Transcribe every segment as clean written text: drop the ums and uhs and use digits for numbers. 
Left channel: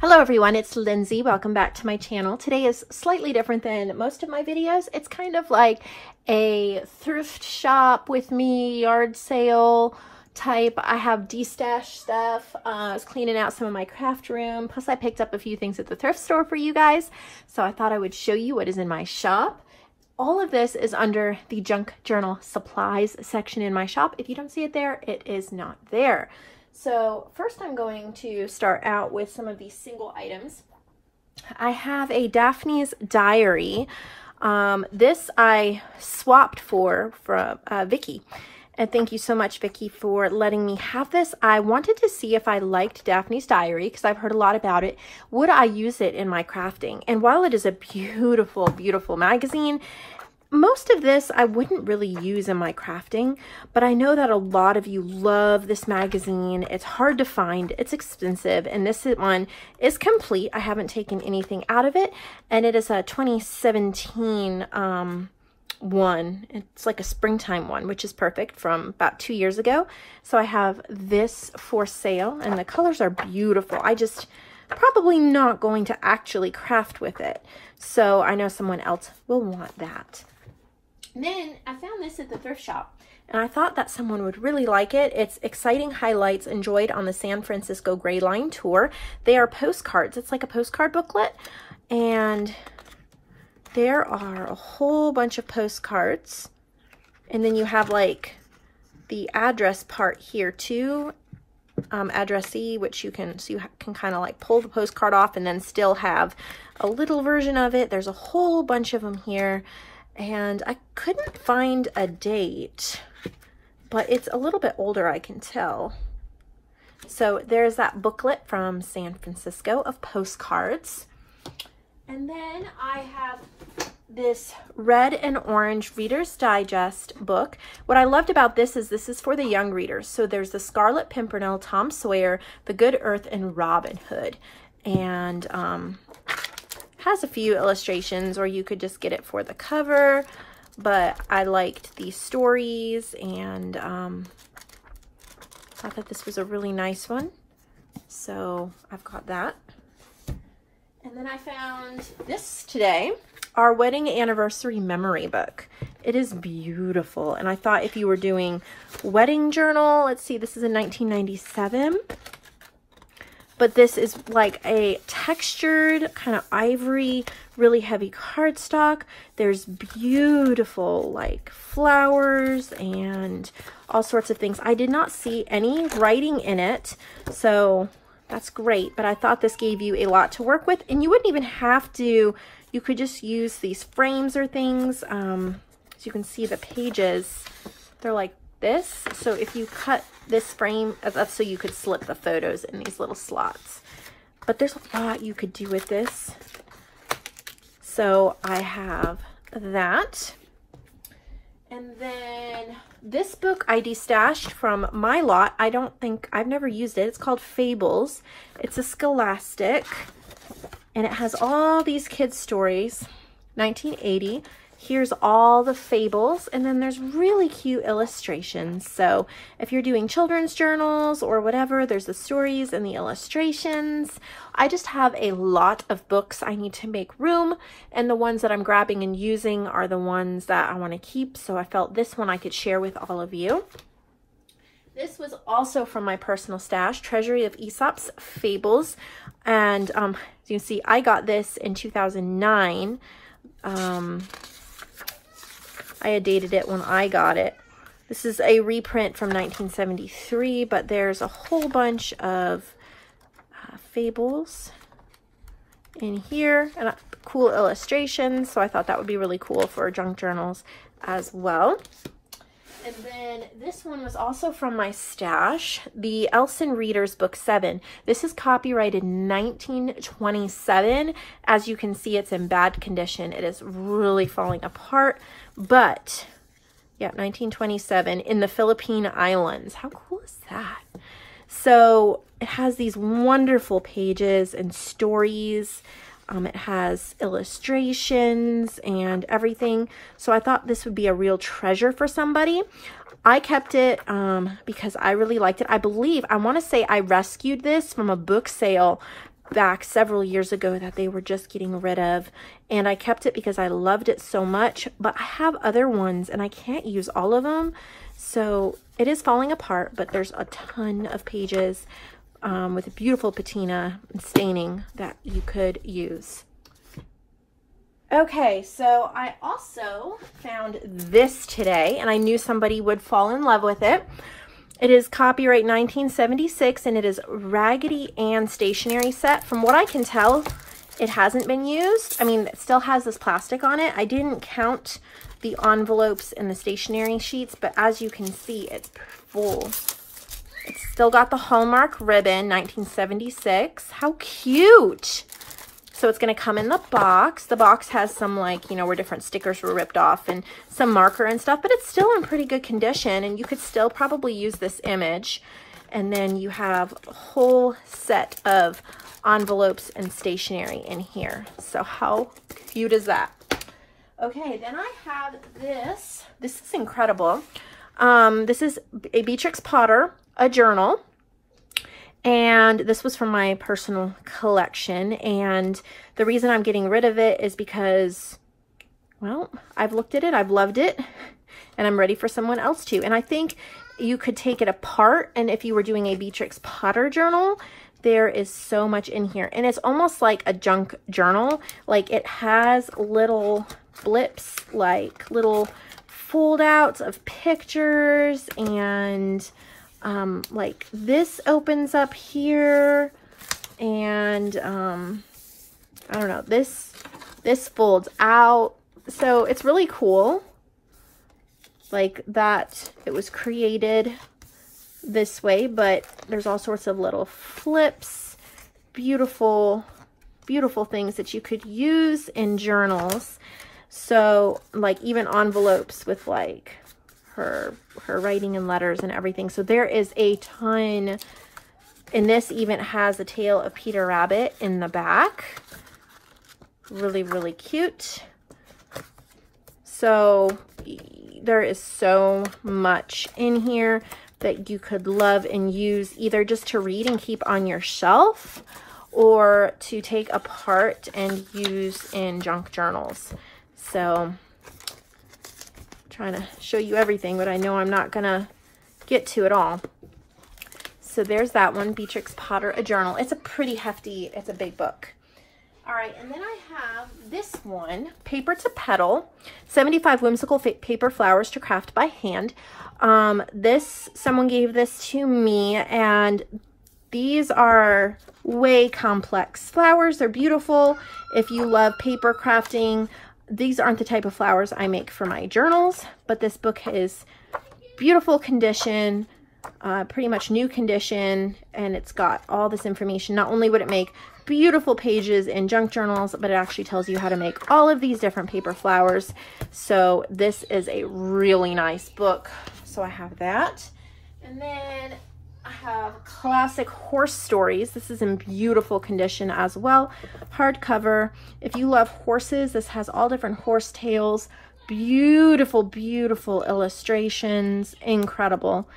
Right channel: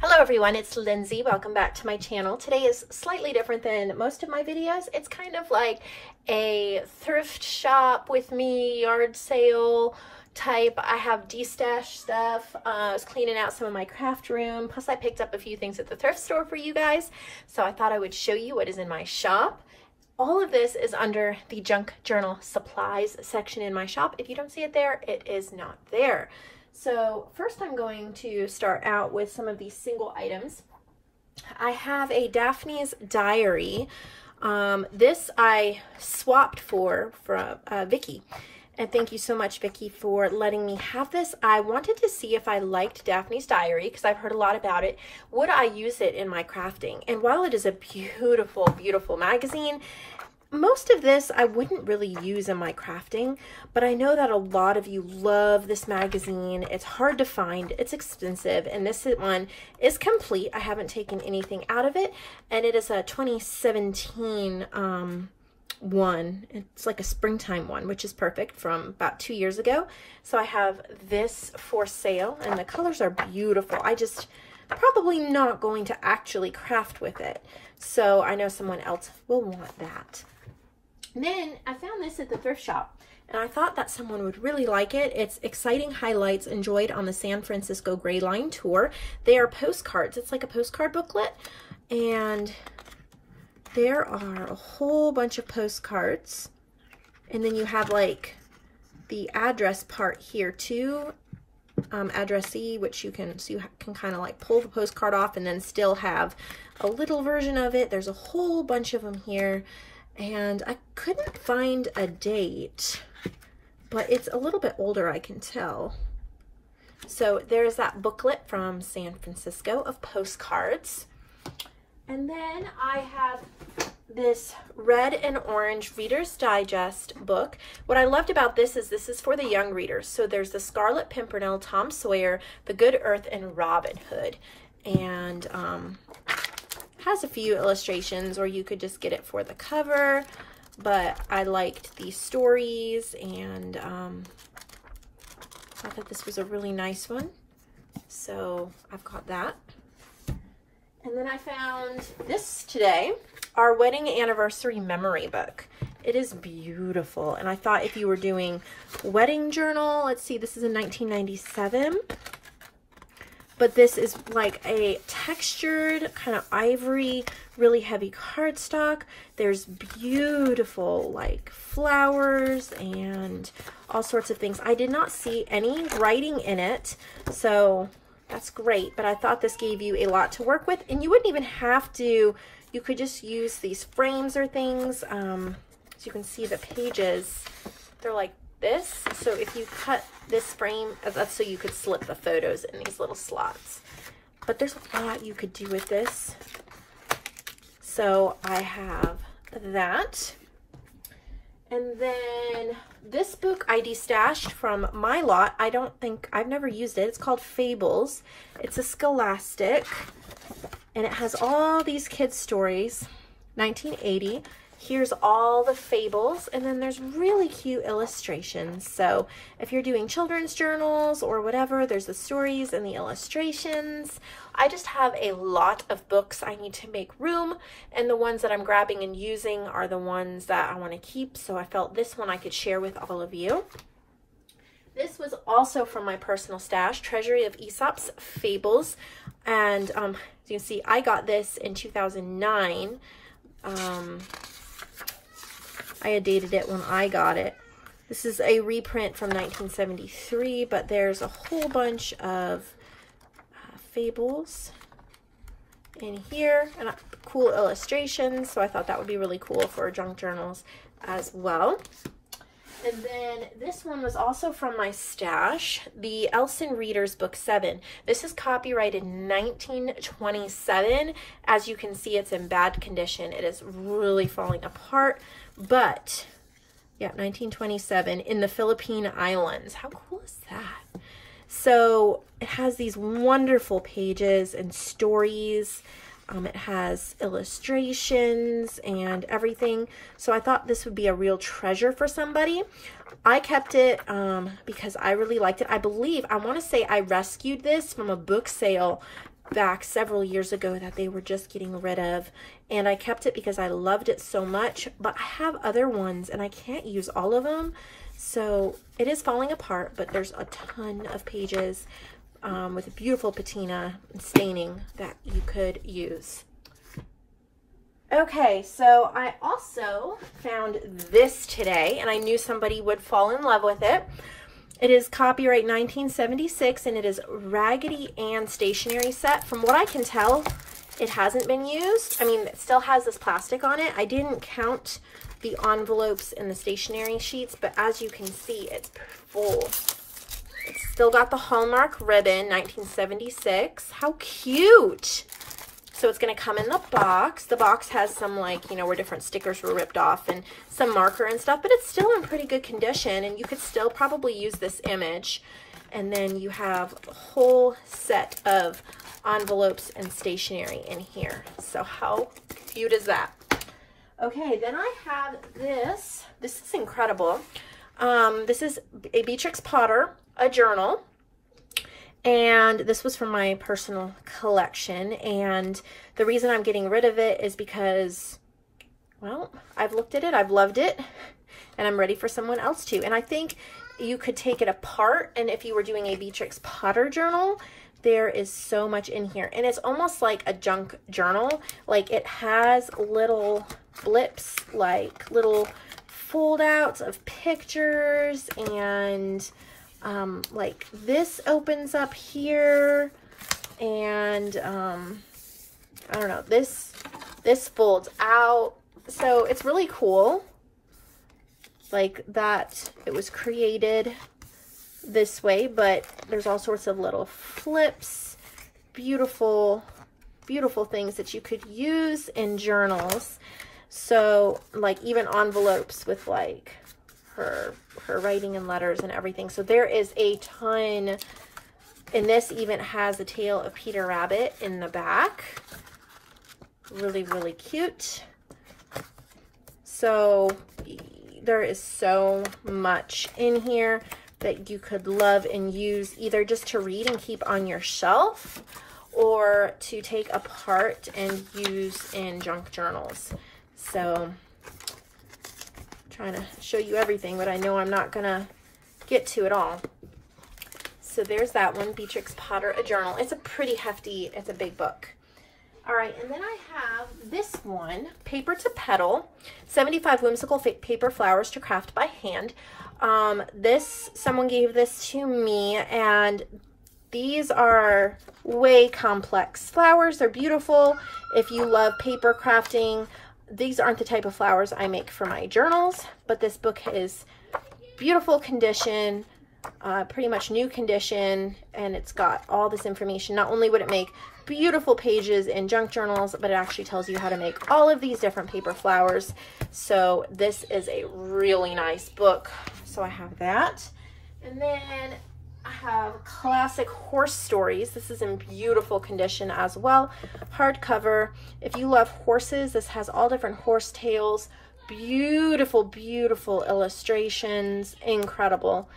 Hello everyone, it's Lindsay. Welcome back to my channel. Today is slightly different than most of my videos. It's kind of like a thrift shop with me, yard sale type. I have Destash stuff. I was cleaning out some of my craft room. Plus I picked up a few things at the thrift store for you guys. So I thought I would show you what is in my shop. All of this is under the junk journal supplies section in my shop. If you don't see it there, it is not there. So first I'm going to start out with some of these single items. I have a Daphne's Diary. This I swapped from Vicky. And thank you so much, Vicky, for letting me have this. I wanted to see if I liked Daphne's Diary because I've heard a lot about it. Would I use it in my crafting? And while it is a beautiful, beautiful magazine, most of this I wouldn't really use in my crafting, but I know that a lot of you love this magazine. It's hard to find, it's expensive, and this one is complete. I haven't taken anything out of it, and it is a 2017 one. It's like a springtime one, which is perfect, from about 2 years ago. So I have this for sale, and the colors are beautiful. I just probably not going to actually craft with it, so I know someone else will want that. Then I found this at the thrift shop, and I thought that someone would really like it. It's Exciting Highlights Enjoyed on the San Francisco Gray Line Tour. They are postcards. It's like a postcard booklet, and there are a whole bunch of postcards. And then you have like the address part here too, addressee, which you can kind of like pull the postcard off and then still have a little version of it. There's a whole bunch of them here. And I couldn't find a date, but it's a little bit older, I can tell. So there's that booklet from San Francisco of postcards. And then I have this red and orange Reader's Digest book. What I loved about this is for the young readers. So there's the Scarlet Pimpernel, Tom Sawyer, The Good Earth, and Robin Hood. And has a few illustrations, or you could just get it for the cover, but I liked these stories, and I thought this was a really nice one, so I've got that. And then I found this today, our wedding anniversary memory book. It is beautiful, and I thought if you were doing wedding journal, let's see, this is in 1997. But this is like a textured kind of ivory, really heavy cardstock. There's beautiful like flowers and all sorts of things. I did not see any writing in it, so that's great. But I thought this gave you a lot to work with, and you wouldn't even have to, you could just use these frames or things. As you can see, the pages, they're like this. So if you cut this frame, that's so you could slip the photos in these little slots. But there's a lot you could do with this. So I have that. And then this book I destashed from my lot. I've never used it. It's called Fables. It's a Scholastic, and it has all these kids' stories, 1980. Here's all the fables, and then there's really cute illustrations. So if you're doing children's journals or whatever, there's the stories and the illustrations. I just have a lot of books I need to make room, and the ones that I'm grabbing and using are the ones that I want to keep. So I felt this one I could share with all of you. This was also from my personal stash, Treasury of Aesop's Fables. And as you can see, I got this in 2009. I had dated it when I got it. This is a reprint from 1973, but there's a whole bunch of fables in here and cool illustrations. So I thought that would be really cool for junk journals as well. And then this one was also from my stash, the Ellsie Readers Book 7. This is copyrighted 1927. As you can see, it's in bad condition. It is really falling apart. But yeah, 1927 in the Philippine Islands. How cool is that? So it has these wonderful pages and stories. It has illustrations and everything. So I thought this would be a real treasure for somebody. I kept it because I really liked it. I believe, I want to say I rescued this from a book sale back several years ago that they were just getting rid of, and I kept it because I loved it so much, but I have other ones and I can't use all of them. So it is falling apart, but there's a ton of pages with a beautiful patina and staining that you could use. Okay, so I also found this today, and I knew somebody would fall in love with it. It is copyright 1976, and it is Raggedy Ann stationery set. From what I can tell, it hasn't been used. I mean, it still has this plastic on it. I didn't count the envelopes and the stationery sheets, but as you can see, it's full. It's still got the Hallmark ribbon, 1976. How cute! So it's going to come in the box. The box has some, like, you know, where different stickers were ripped off and some marker and stuff, but it's still in pretty good condition, and you could still probably use this image. And then you have a whole set of envelopes and stationery in here. So how cute is that? Okay, then I have this. This is incredible. This is a Beatrix Potter, a journal. And this was from my personal collection. And the reason I'm getting rid of it is because, well, I've looked at it, I've loved it, and I'm ready for someone else to. And I think you could take it apart, and if you were doing a Beatrix Potter journal, there is so much in here. And it's almost like a junk journal. Like, it has little blips, like little fold outs of pictures, and like this opens up here, and I don't know, this folds out. So it's really cool, like that it was created this way, but there's all sorts of little flips, beautiful things that you could use in journals. So like even envelopes with like her writing and letters and everything. So there is a ton, and this even has a tail of Peter Rabbit in the back. Really, really cute. So there is so much in here that you could love and use, either just to read and keep on your shelf, or to take apart and use in junk journals. So trying to show you everything, but I know I'm not gonna get to it all. So there's that one, Beatrix Potter, a journal. It's a pretty hefty, it's a big book. All right, and then I have this one, Paper to Petal, 75 whimsical paper flowers to craft by hand. Someone gave this to me, and these are way complex flowers. They're beautiful. If you love paper crafting, these aren't the type of flowers I make for my journals, but this book is beautiful condition, pretty much new condition, and it's got all this information. Not only would it make beautiful pages in junk journals, but it actually tells you how to make all of these different paper flowers. So this is a really nice book. So I have that. And then I have Classic Horse Stories. This is in beautiful condition as well. Hardcover. If you love horses, this has all different horse tails. Beautiful, beautiful illustrations. Incredible.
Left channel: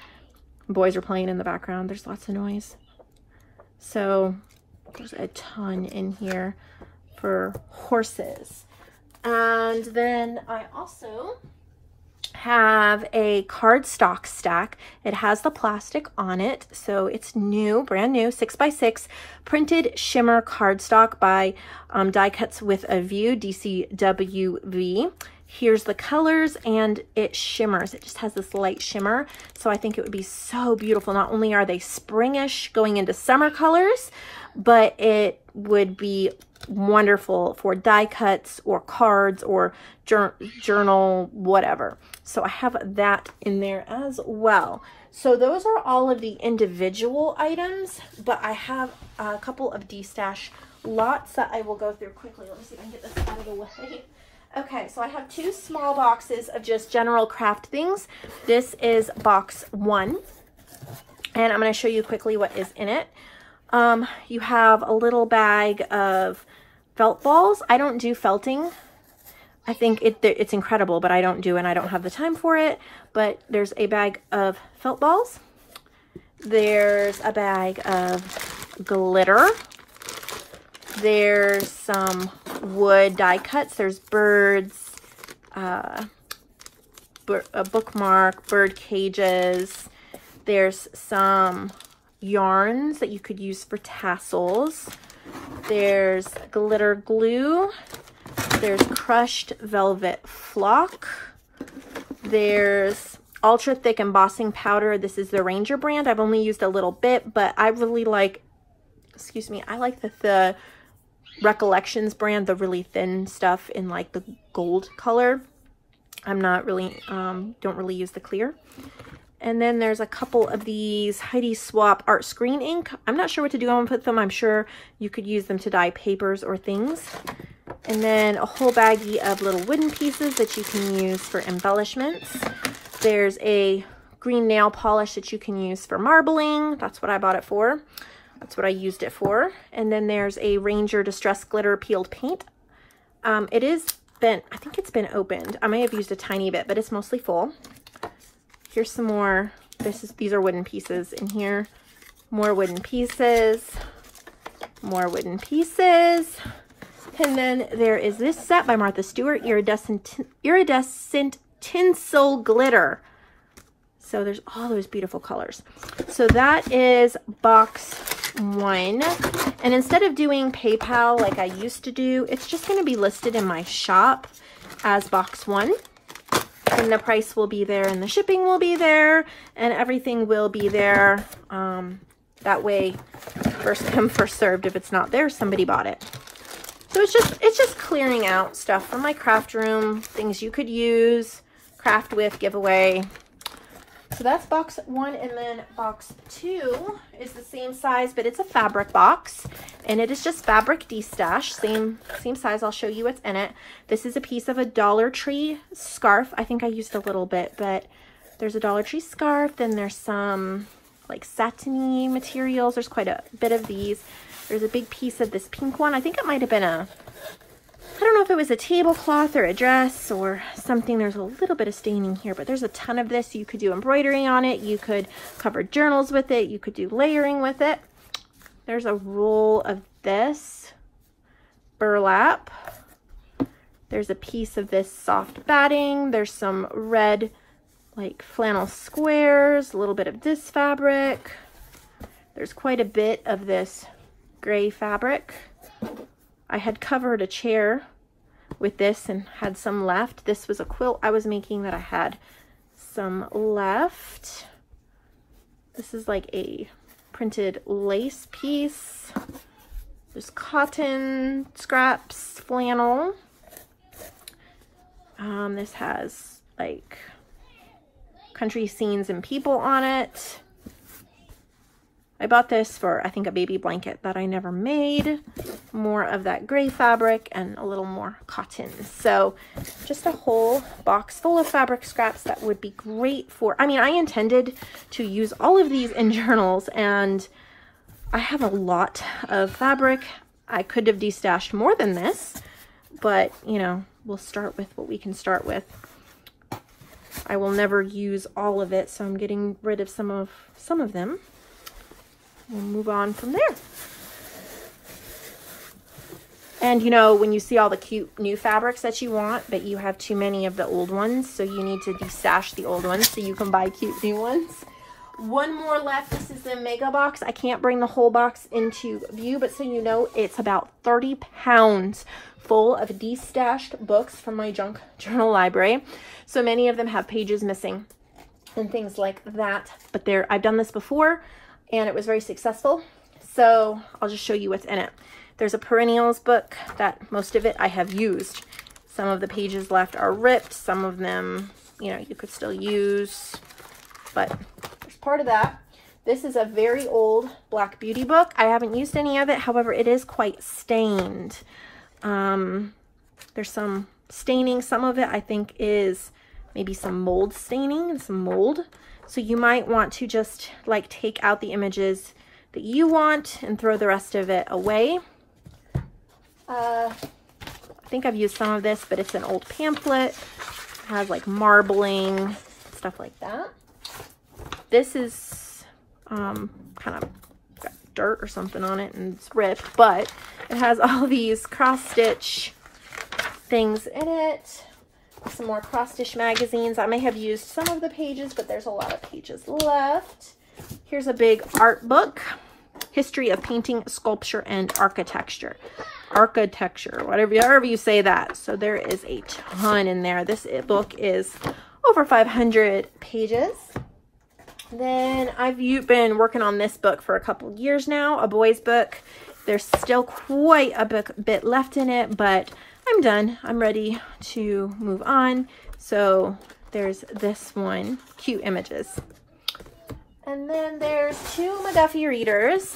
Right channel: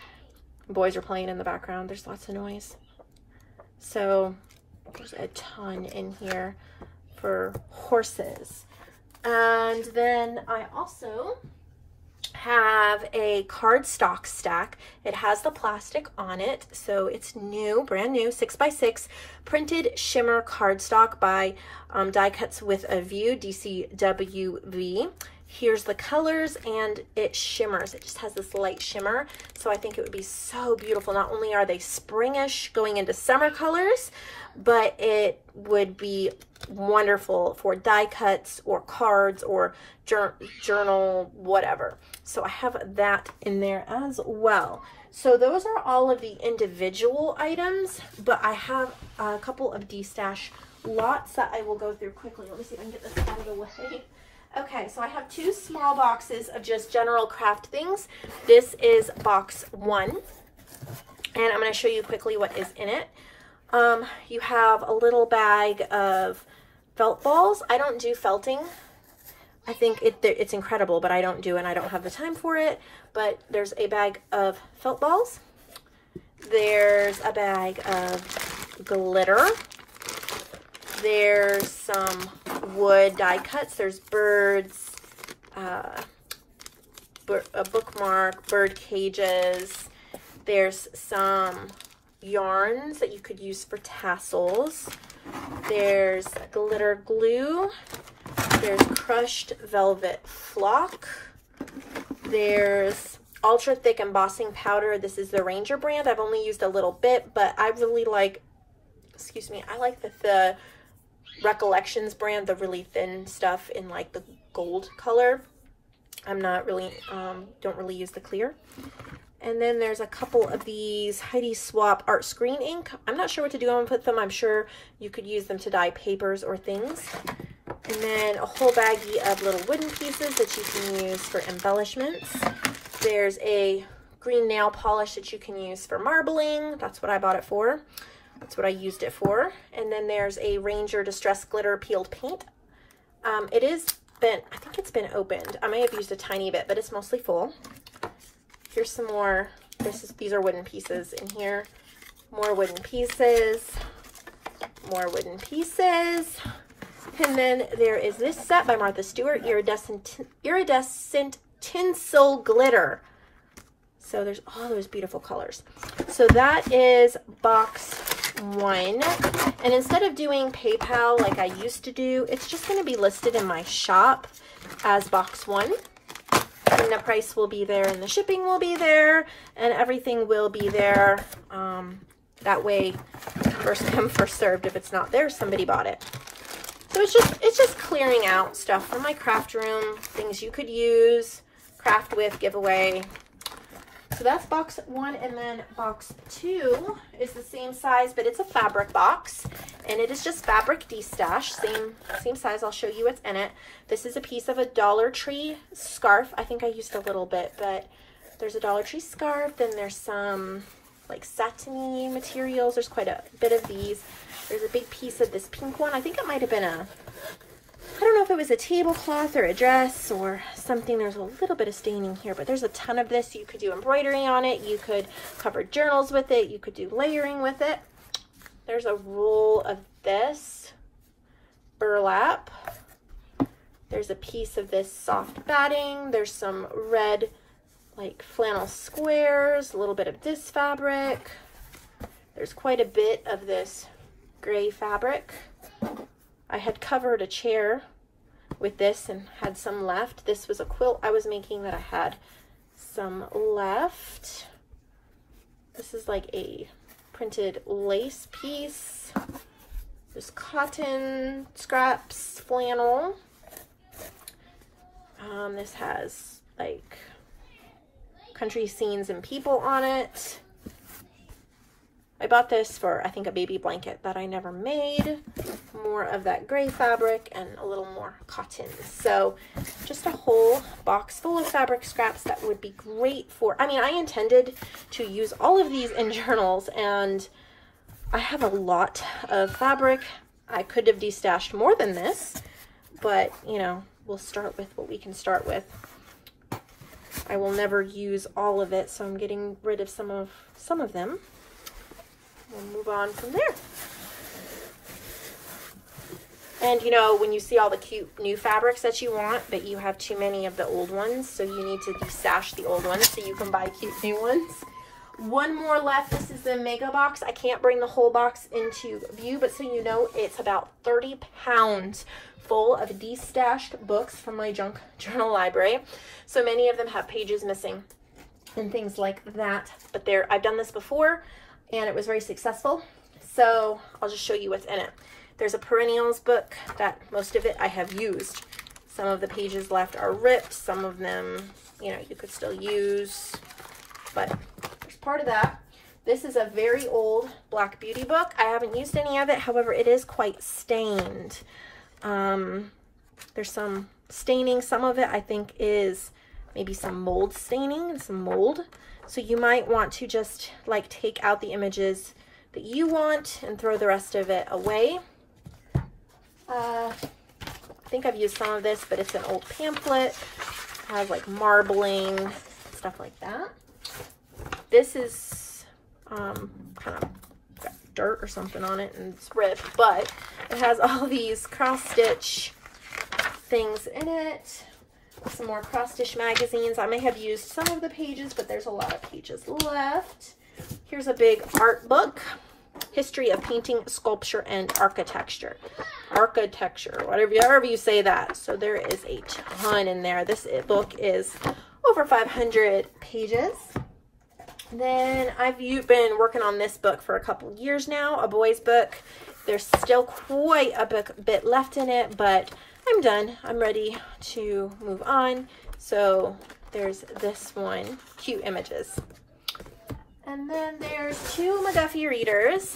Boys are playing in the background. There's lots of noise. So there's a ton in here for horses. And then I also have a cardstock stack. It has the plastic on it, so it's new, brand new, 6x6 printed shimmer cardstock by Die Cuts with a View, DCWV. Here's the colors, and it shimmers. It just has this light shimmer, so I think it would be so beautiful. Not only are they springish going into summer colors, but it would be wonderful for die cuts or cards or journal, whatever. So I have that in there as well. So those are all of the individual items, but I have a couple of Destash lots that I will go through quickly. Let me see if I can get this out of the way. Okay, so I have two small boxes of just general craft things. This is box 1, and I'm going to show you quickly what is in it. You have a little bag of felt balls. I don't do felting. I think it's incredible, but I don't do, and I don't have the time for it. But there's a bag of felt balls. There's a bag of glitter. There's some wood die cuts. There's birds, a bookmark, bird cages. There's some yarns that you could use for tassels. There's glitter glue. There's crushed velvet flock. There's ultra thick embossing powder. This is the Ranger brand. I've only used a little bit, but I really like, I like the Recollections brand, the really thin stuff in like the gold color. I'm not really, don't really use the clear. And then there's a couple of these Heidi Swap art screen ink. I'm not sure what to do with them. I'm sure you could use them to dye papers or things. And then a whole baggie of little wooden pieces that you can use for embellishments. There's a green nail polish that you can use for marbling. That's what I bought it for. That's what I used it for. And then there's a Ranger Distress Glitter Peeled Paint. It is been, I think it's been opened. I may have used a tiny bit, but it's mostly full. Here's some more. These are wooden pieces in here. More wooden pieces. More wooden pieces. And then there is this set by Martha Stewart, Iridescent Tinsel Glitter. So there's all those beautiful colors. So that is box 1. And instead of doing PayPal like I used to do, it's just going to be listed in my shop as box 1. And the price will be there, and the shipping will be there, and everything will be there. That way, first come, first served. If it's not there, somebody bought it. So it's just clearing out stuff from my craft room, things you could use, craft with, giveaway. So that's box 1, and then box 2 is the same size, but it's a fabric box, and it is just fabric Destash, same size. I'll show you what's in it. This is a piece of a Dollar Tree scarf. I think I used a little bit, but there's a Dollar Tree scarf, then there's some like satiny materials. There's quite a bit of these. There's a big piece of this pink one. I think it might have been I don't know if it was a tablecloth or a dress or something. There's a little bit of staining here, but there's a ton of this. You could do embroidery on it. You could cover journals with it. You could do layering with it. There's a roll of this burlap. There's a piece of this soft batting. There's some red like flannel squares, a little bit of this fabric. There's quite a bit of this gray fabric. I had covered a chair with this and had some left. This was a quilt I was making that I had some left. This is like a printed lace piece. There's cotton, scraps, flannel. This has like country scenes and people on it. I bought this for, I think, a baby blanket that I never made. More of that gray fabric and a little more cotton. So just a whole box full of fabric scraps that would be great for, I mean, I intended to use all of these in journals, and I have a lot of fabric. I could have destashed more than this, but, you know, we'll start with what we can start with. I will never use all of it, so I'm getting rid of some of them. We'll move on from there. And you know, when you see all the cute new fabrics that you want, but you have too many of the old ones, so you need to destash the old ones so you can buy cute new ones. One more left. This is the mega box. I can't bring the whole box into view, but so you know, it's about 30 pounds full of destashed books from my junk journal library. So many of them have pages missing and things like that, but I've done this before and it was very successful. So I'll just show you what's in it. There's a perennials book that most of it I have used. Some of the pages left are ripped. Some of them, you know, you could still use, but there's part of that. This is a very old Black Beauty book. I haven't used any of it. However, it is quite stained. There's some staining. Some of it I think is maybe some mold staining and some mold. So you might want to just like take out the images that you want and throw the rest of it away. I think I've used some of this, but it's an old pamphlet. It has like marbling, stuff like that. This is kind of dirt or something on it and it's ripped, but it has all these cross-stitch things in it. Some more cross-stitch magazines. I may have used some of the pages, but there's a lot of pages left. Here's a big art book. History of Painting, Sculpture, and Architecture. Whatever you say that. So there is a ton in there. This book is over 500 pages. Then I've been working on this book for a couple years now, a boys book. There's still quite a bit left in it, but I'm done. I'm ready to move on. So there's this one, cute images. And then there's two McGuffey readers.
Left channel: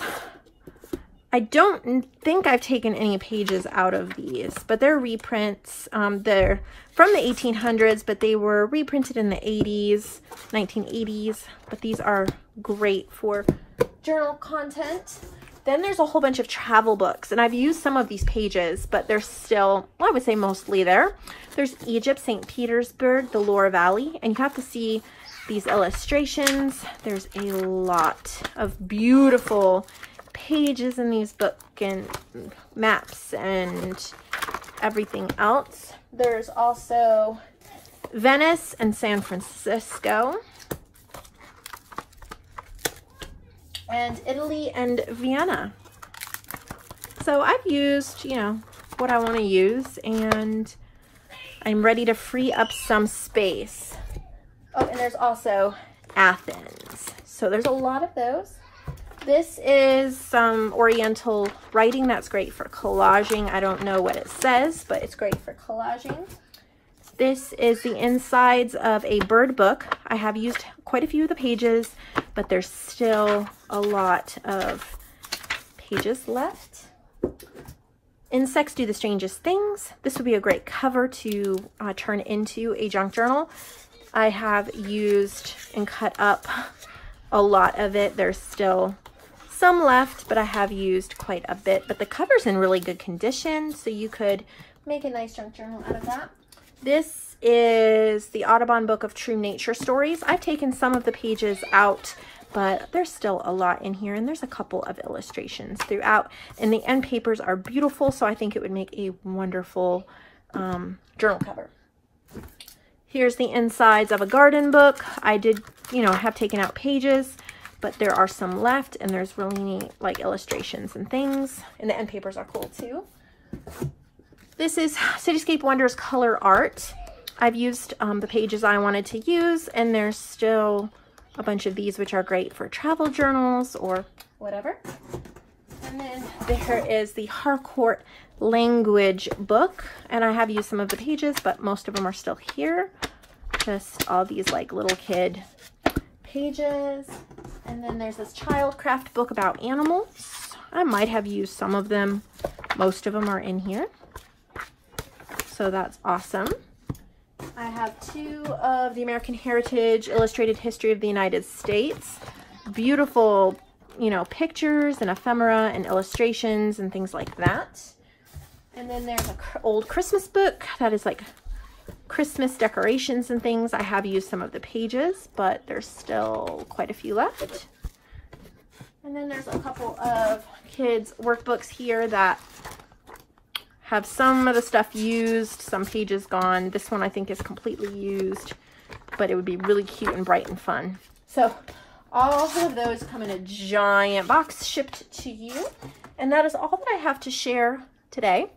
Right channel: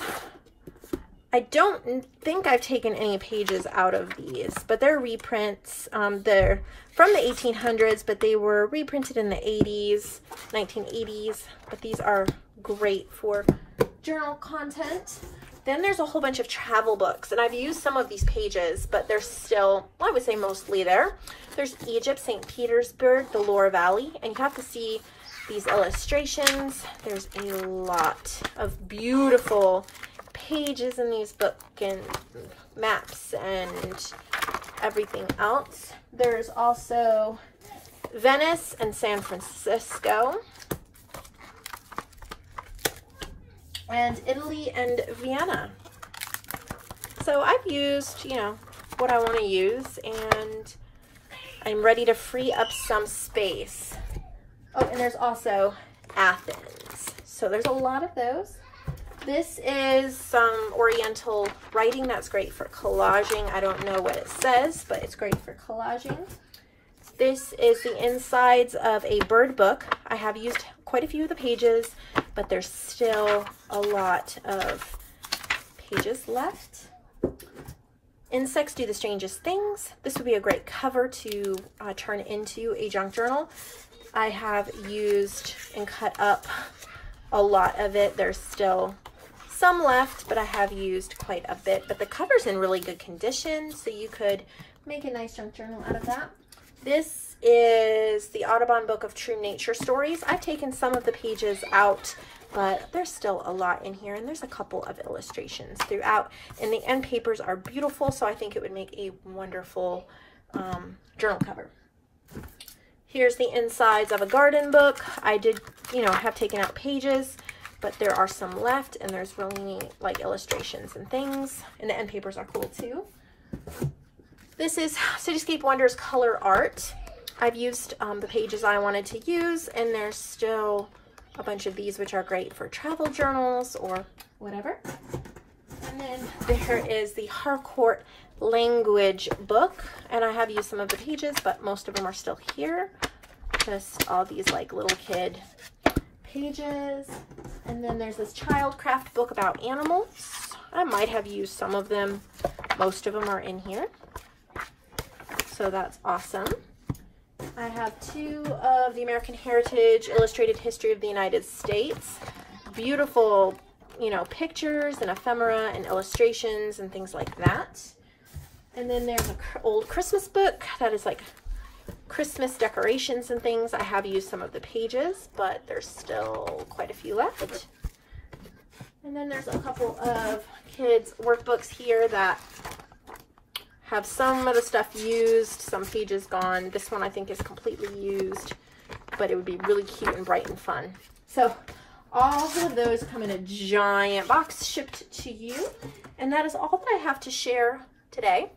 I don't think I've taken any pages out of these, but they're reprints. They're from the 1800s, but they were reprinted in the 80s, 1980s. But these are great for journal content. Then there's a whole bunch of travel books, and I've used some of these pages, but they're still, I would say mostly there. There's Egypt, St. Petersburg, the Loire Valley, and you have to see these illustrations. There's a lot of beautiful pages in these books and maps and everything else. There's also Venice and San Francisco, and Italy and Vienna. So I've used, you know, what I want to use, and I'm ready to free up some space. Oh, and there's also Athens. So there's a lot of those. This is some Oriental writing that's great for collaging. I don't know what it says, but it's great for collaging. This is the insides of a bird book. I have used quite a few of the pages, but there's still a lot of pages left. Insects Do the Strangest Things. This would be a great cover to turn into a junk journal. I have used and cut up a lot of it. There's still some left, but I have used quite a bit. But the cover's in really good condition, so you could make a nice junk journal out of that. This is the Audubon Book of True Nature Stories. I've taken some of the pages out, but there's still a lot in here, and there's a couple of illustrations throughout. And the end papers are beautiful, so I think it would make a wonderful journal cover. Here's the insides of a garden book. I did, you know, have taken out pages, but there are some left, and there's really neat, like, illustrations and things. And the end papers are cool too. This is Cityscape Wonders Color Art. I've used the pages I wanted to use, and there's still a bunch of these, which are great for travel journals or whatever. And then there is the Harcourt Language book, and I have used some of the pages, but most of them are still here. Just all these like little kid pages. And then there's this Childcraft book about animals. I might have used some of them. Most of them are in here, so that's awesome. I have two of the American Heritage Illustrated History of the United States. Beautiful, you know, pictures and ephemera and illustrations and things like that. And then there's an old Christmas book that is like Christmas decorations and things. I have used some of the pages, but there's still quite a few left. And then there's a couple of kids' workbooks here that have some of the stuff used, some pages gone. This one I think is completely used, but it would be really cute and bright and fun. So all of those come in a giant box shipped to you. And that is all that I have to share today.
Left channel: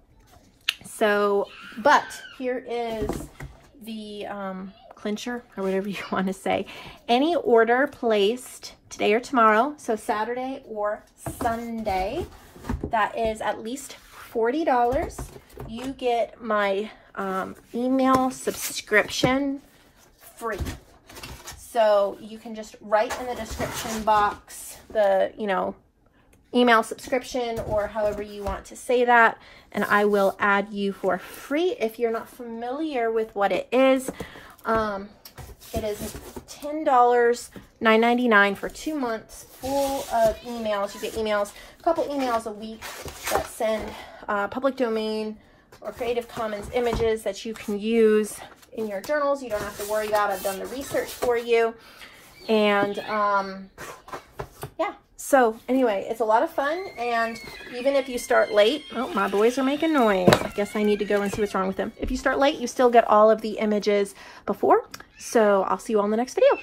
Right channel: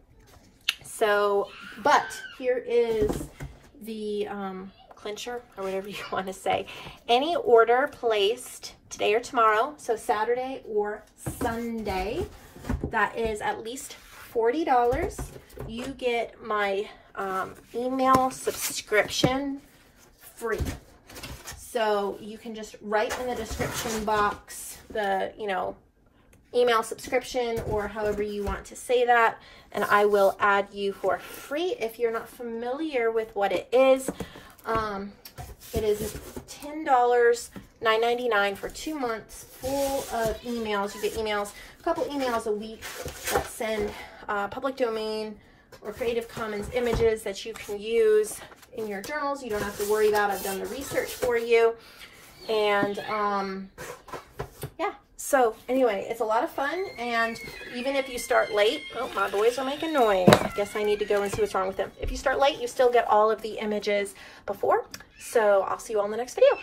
So, but here is the clincher, or whatever you want to say. Any order placed today or tomorrow, so Saturday or Sunday, that is at least $40. You get my email subscription free. So you can just write in the description box the, you know, email subscription, or however you want to say that, and I will add you for free. If you're not familiar with what it is $10, $9.99 for 2 months full of emails. You get emails, a couple emails a week that send public domain or Creative Commons images that you can use in your journals. You don't have to worry about it. I've done the research for you. And yeah, So anyway, it's a lot of fun, and even if you start late, oh, my boys are making noise. I guess I need to go and see what's wrong with them. If you start late, you still get all of the images before. So I'll see you all in the next video.